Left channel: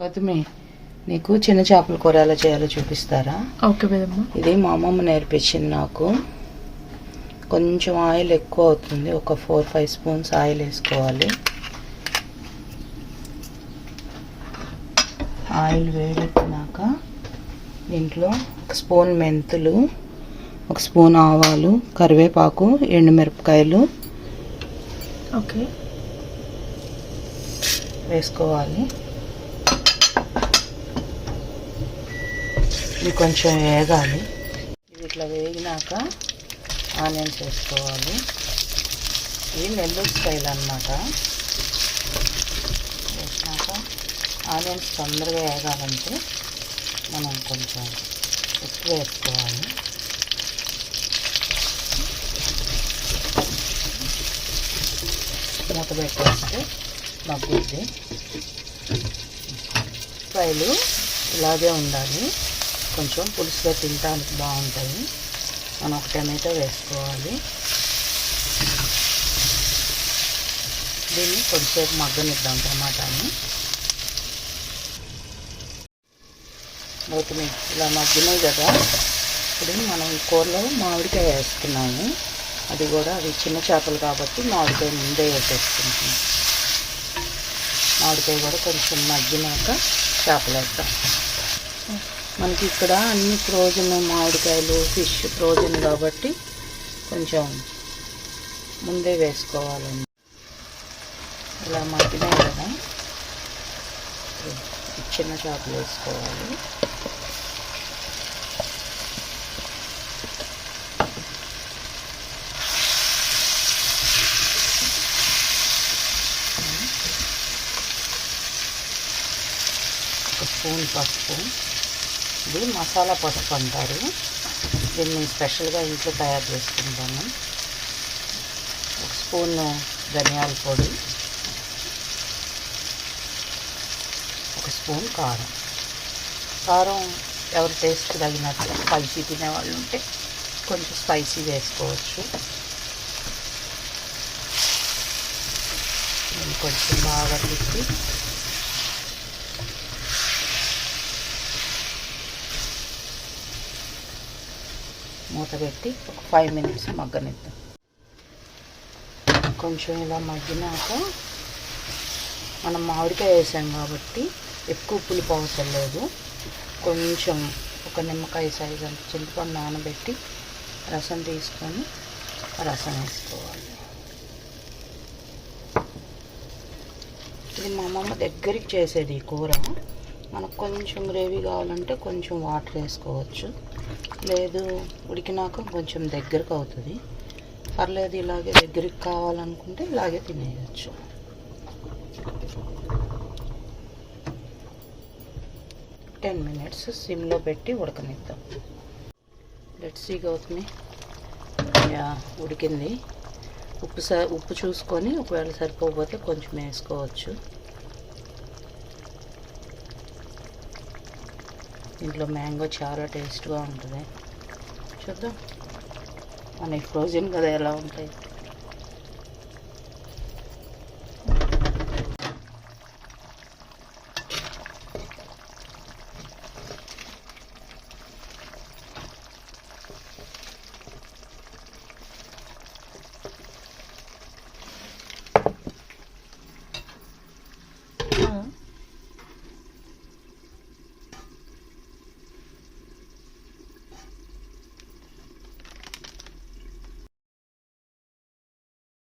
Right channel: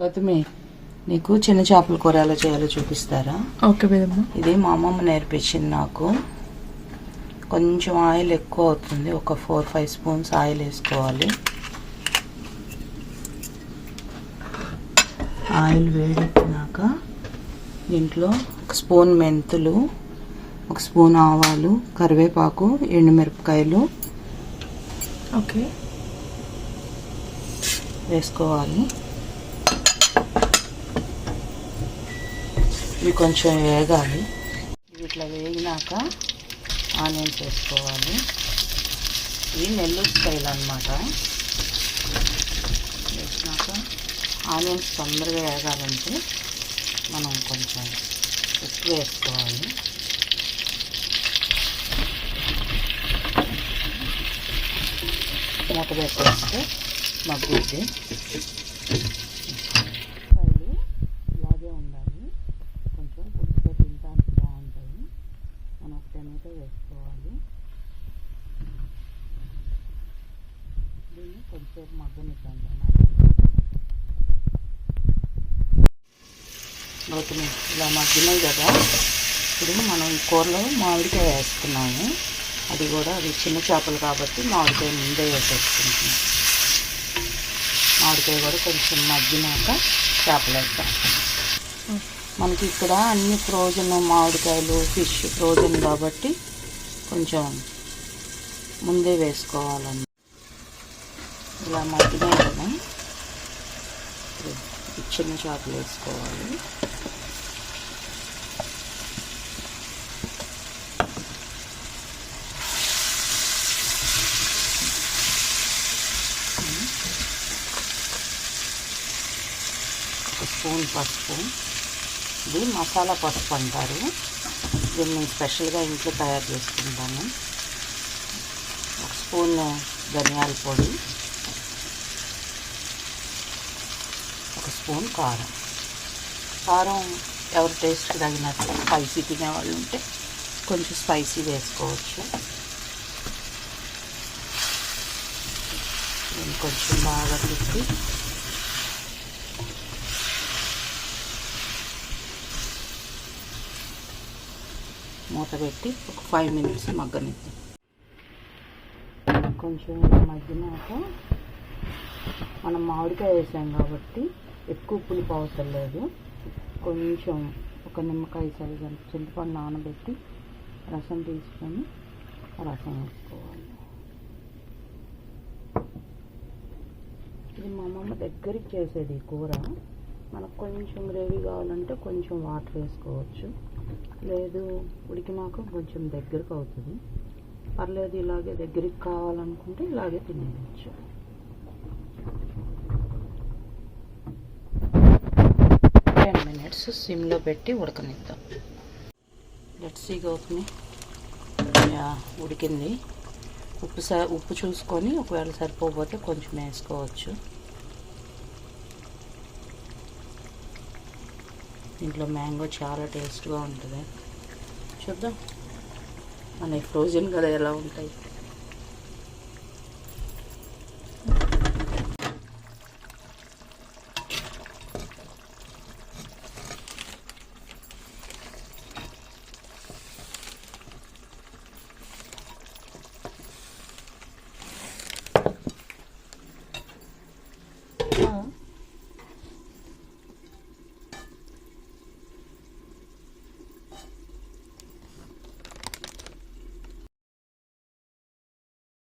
గౌతమి నీకు చిన్న చేపల కూర ఎలా చేయాలో చూపిస్తారా? ఓకే ఇది మా అమ్మమ్మ నేర్పించింది నాకు. కొంచెం ఆయిల్ ఎక్కువ అవుతుంది ఒక ఫోర్ ఫైవ్ స్పూన్స్ ఆయిల్ వేసుకోవాలి. ఆయిల్ వేడెక్కినాక దీంట్లో ఒక స్పూన్ మెంతులు ఒక స్పూన్ ఆవాలు కరివేపాకు ఎండుమిరపకాయలు ఓకే. వేసుకోవాలి. ఇవి కొంచెం వేగాలి. ఇవి ఇట్లా వేగినాక ఆనియన్స్ వేసుకోవాలి. ఇవి నెల్లూరు స్టైల్ అనమాట వేసినాక ఆనియన్స్ తొందరగా వేగాలంటే మనం కొంచెం ఎక్కువ వేసుకోవాలి. మూత పెట్టేస్తే మగ్గుద్ది. ఫ్రైలు ఇలాగే ఉండాలి. కొంచెం పులుసుగా తినడానికి బాగుంటాయి. మనం ఒక టమాటో వేసుకోవాలి. దీన్ని కొంచెంసేపు మగ్గనిద్దాం టమాటాని. మగ్గిన ఇలా మగ్గినాయి కదా. ఇప్పుడు మనం కూరలో మామిడికాయ వేసుకున్నాము అది కూడా అది చిన్న చేపలు కాబట్టి మామిడికాయ ముందే వేసేసుకుంటాం మామిడికాయ కూడా కొంచెం మగ్గినాక చేపలు వేస్తాం మనకి ఇక్కడ అన్ని ఫ్రోజన్ మామిడికాయలు ఫిష్ ఫ్రోజన్ కాబట్టి కొంచెం ముందే వేసుకోవాలండి. ఇలా మగ్గినాయి కదా చిన్న చేపలు వేసుకోవాలి. ఒక స్పూన్ పసుపు. ఇది మసాలా పసుపు అంటారు. దీన్ని స్పెషల్గా ఇంట్లో తయారు చేసుకుంటాము. ఒక స్పూన్ ధనియాల పొడి ఒక స్పూన్ కారం. కారం ఎవరి టేస్ట్ తగినట్టు స్పైసీ తినేవాళ్ళు ఉంటే కొంచెం స్పైసీ వేసుకోవచ్చు. కొంచెం బాగా తిప్పి మూత పెట్టి ఒక ఫైవ్ మినిట్స్ మగ్గనిద్దాం. కొంచెం ఇలా మగ్గినాక మనం మామిడికాయ వేసాం కాబట్టి ఎక్కువ పులుపు అవసరం లేదు. కొంచెం ఒక నిమ్మకాయ సైజ్ అంత చింతపండు నానబెట్టి రసం తీసుకొని రసం వేసుకోవాలి. ఇది మా అమ్మమ్మ దగ్గరికి చేసేది ఈ కూర. మనకు కొంచెం గ్రేవీ కావాలంటే కొంచెం వాటర్ వేసుకోవచ్చు. లేదు ఉడికినాక కొంచెం దగ్గరకు అవుతుంది. పర్లేదు ఇలాగే దగ్గరికి కావాలనుకుంటే ఇలాగే తినేయచ్చు. టెన్ మినిట్స్ సిమ్లో పెట్టి ఉడకనిద్దాం. లెట్స్ సీ అవుతుంది ఉడికింది. ఉప్పు స ఉప్పు చూసుకొని ఒకవేళ సరిపోకపోతే కొంచెం వేసుకోవచ్చు. దీంట్లో మ్యాంగో చాలా టేస్ట్గా ఉంటుంది. చూద్దాం. మన ఫ్రోజన్ కదా ఎలా ఉంటాయి?